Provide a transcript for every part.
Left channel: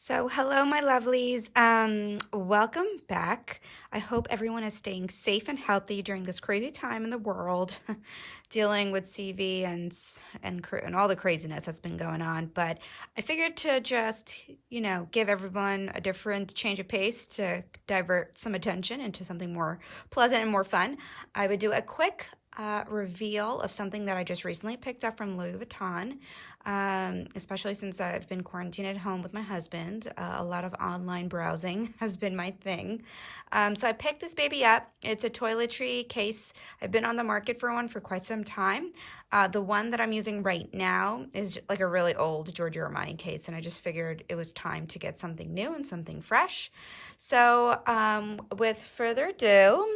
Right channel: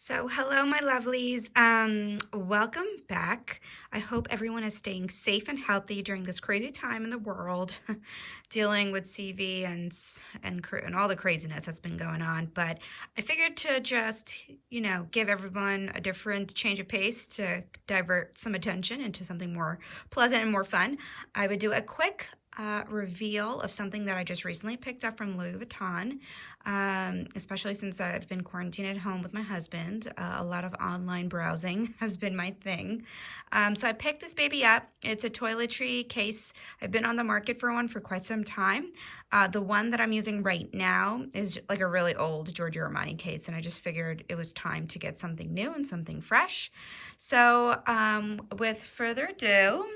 So hello, my lovelies. Welcome back. I hope everyone is staying safe and healthy during this crazy time in the world, dealing with CV and all the craziness that's been going on. But I figured to just, give everyone a different change of pace to divert some attention into something more pleasant and more fun. I would do a quick reveal of something that I just recently picked up from Louis Vuitton. Especially since I've been quarantined at home with my husband. A lot of online browsing has been my thing. So I picked this baby up. It's a toiletry case. I've been on the market for one for quite some time. The one that I'm using right now is like a really old Giorgio Armani case, and I just figured it was time to get something new and something fresh. So with further ado,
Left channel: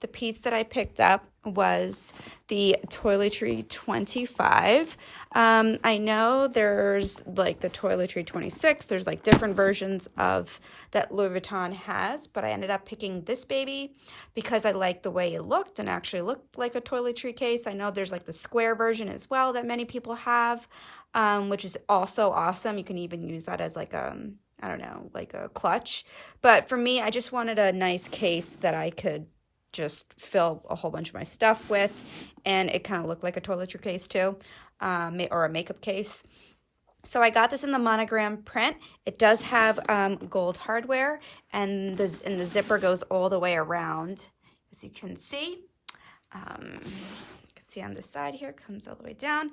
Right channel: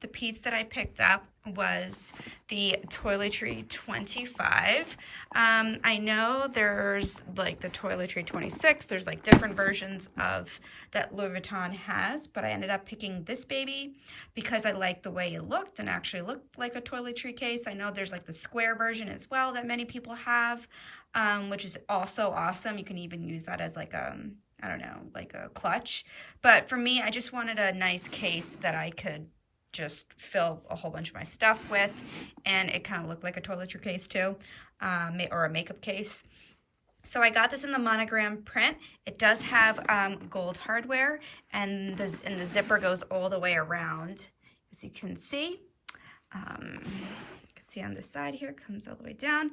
the piece that I picked up was the Toiletry 25. I know there's like the Toiletry 26. There's like different versions of that Louis Vuitton has, but I ended up picking this baby because I liked the way it looked and actually looked like a toiletry case. I know there's like the square version as well that many people have, which is also awesome. You can even use that as like a, I don't know, like a clutch. But for me, I just wanted a nice case that I could just fill a whole bunch of my stuff with, and it kind of looked like a toiletry case too, or a makeup case. So I got this in the monogram print. It does have gold hardware, and the zipper goes all the way around, as you can see. You can see on this side here, comes all the way down.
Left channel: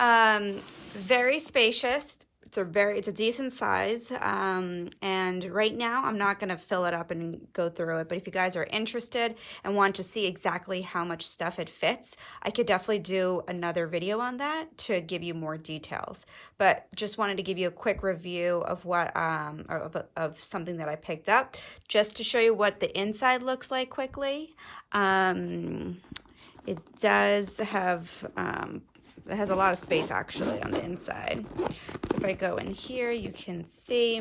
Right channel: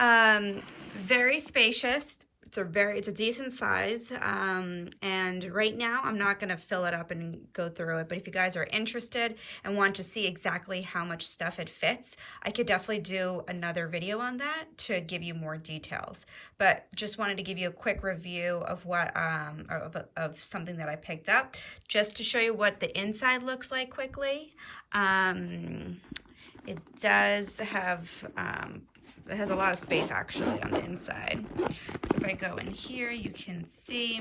Very spacious. It's a decent size, and right now I'm not going to fill it up and go through it, but if you guys are interested and want to see exactly how much stuff it fits, I could definitely do another video on that to give you more details. But just wanted to give you a quick review of what of something that I picked up, just to show you what the inside looks like quickly. It does have it has a lot of space actually on the inside. So if I go in here, you can see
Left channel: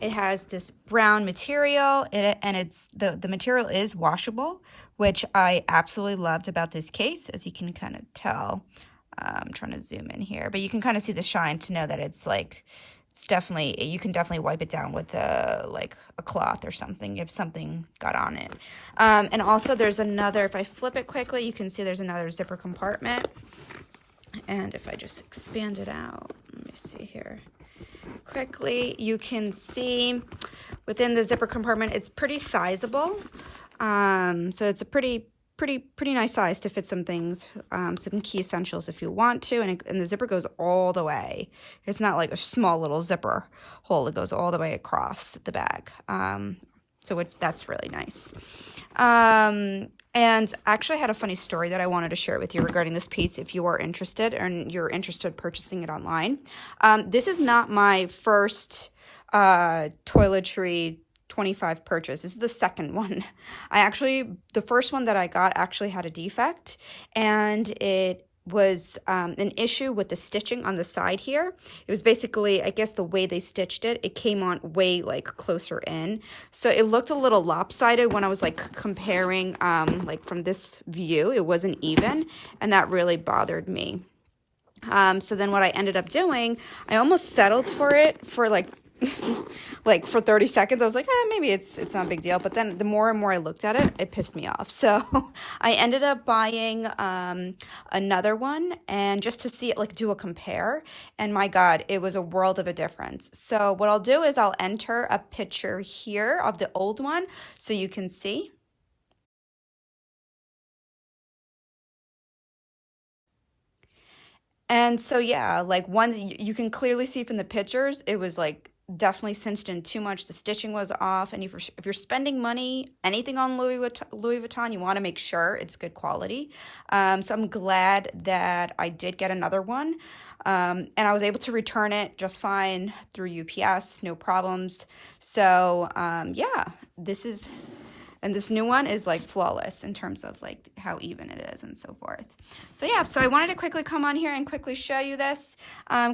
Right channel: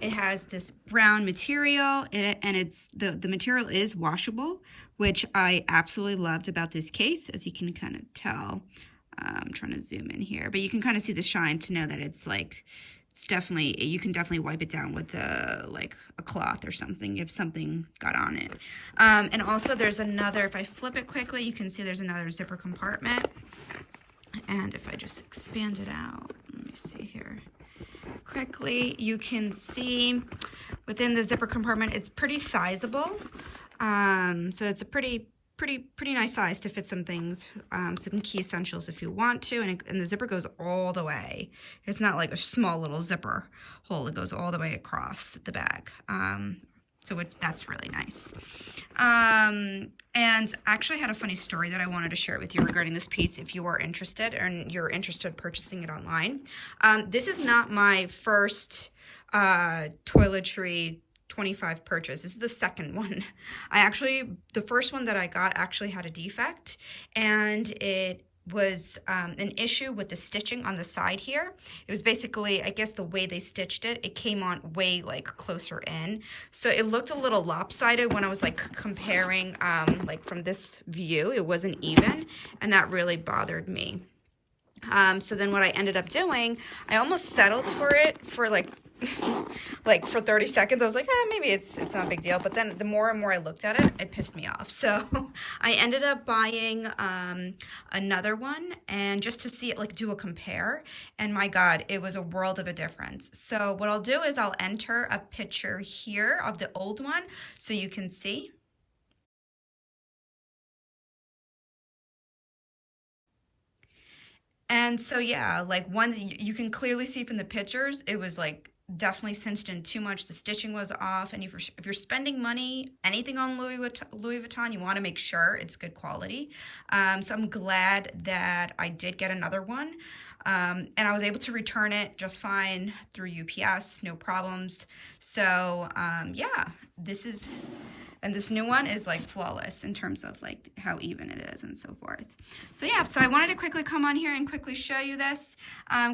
it has this brown material, and it's the material is washable, which I absolutely loved about this case, as you can kind of tell. I'm trying to zoom in here, but you can kind of see the shine to know that it's like, it's definitely, you can definitely wipe it down with like a cloth or something if something got on it. And also there's another, if I flip it quickly, you can see there's another zipper compartment. And if I just expand it out, let me see here quickly, you can see within the zipper compartment, it's pretty sizable. So it's a pretty nice size to fit some things, some key essentials if you want to. And the zipper goes all the way. It's not like a small little zipper hole. It goes all the way across the bag. So that's really nice. And actually I had a funny story that I wanted to share with you regarding this piece if you are interested and you're interested in purchasing it online. This is not my first Toiletry 25 purchase. This is the second one. The first one that I got actually had a defect, and it was an issue with the stitching on the side here. It was basically, I guess the way they stitched it, it came on way like closer in. So it looked a little lopsided when I was like comparing like from this view. It wasn't even, and that really bothered me. So then what I ended up doing, I almost settled for it for like for 30 seconds. I was like, maybe it's not a big deal. But then the more and more I looked at it, it pissed me off. So I ended up buying another one, and just to see it, like do a compare. And my God, it was a world of a difference. So what I'll do is I'll enter a picture here of the old one so you can see. And so, yeah, like you can clearly see from the pictures, it was like definitely cinched in too much. The stitching was off. And if you're spending money, anything on Louis Vuitton, you want to make sure it's good quality. So I'm glad that I did get another one. And I was able to return it just fine through UPS, no problems. So, yeah, and this new one is like flawless in terms of like how even it is and so forth. So yeah, so I wanted to quickly come on here and quickly show you this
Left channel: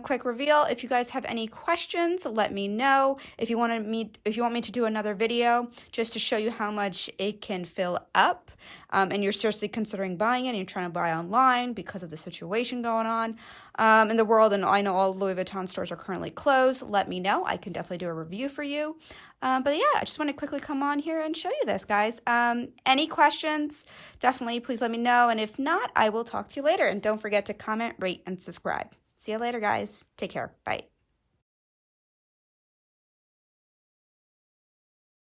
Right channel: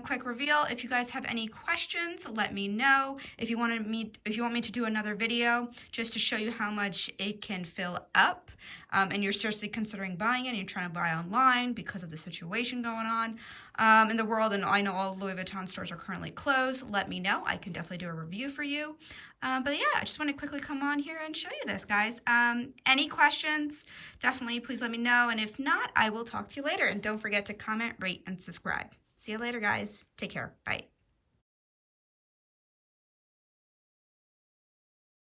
quick reveal. If you guys have any questions, let me know. If you want me to do another video just to show you how much it can fill up, and you're seriously considering buying it and you're trying to buy online because of the situation going on, in the world, and I know all Louis Vuitton stores are currently closed. Let me know. I can definitely do a review for you. But yeah, I just want to quickly come on here and show you this, guys. Any questions, definitely please let me know. And if not, I will talk to you later. And don't forget to comment, rate, and subscribe. See you later, guys. Take care. Bye.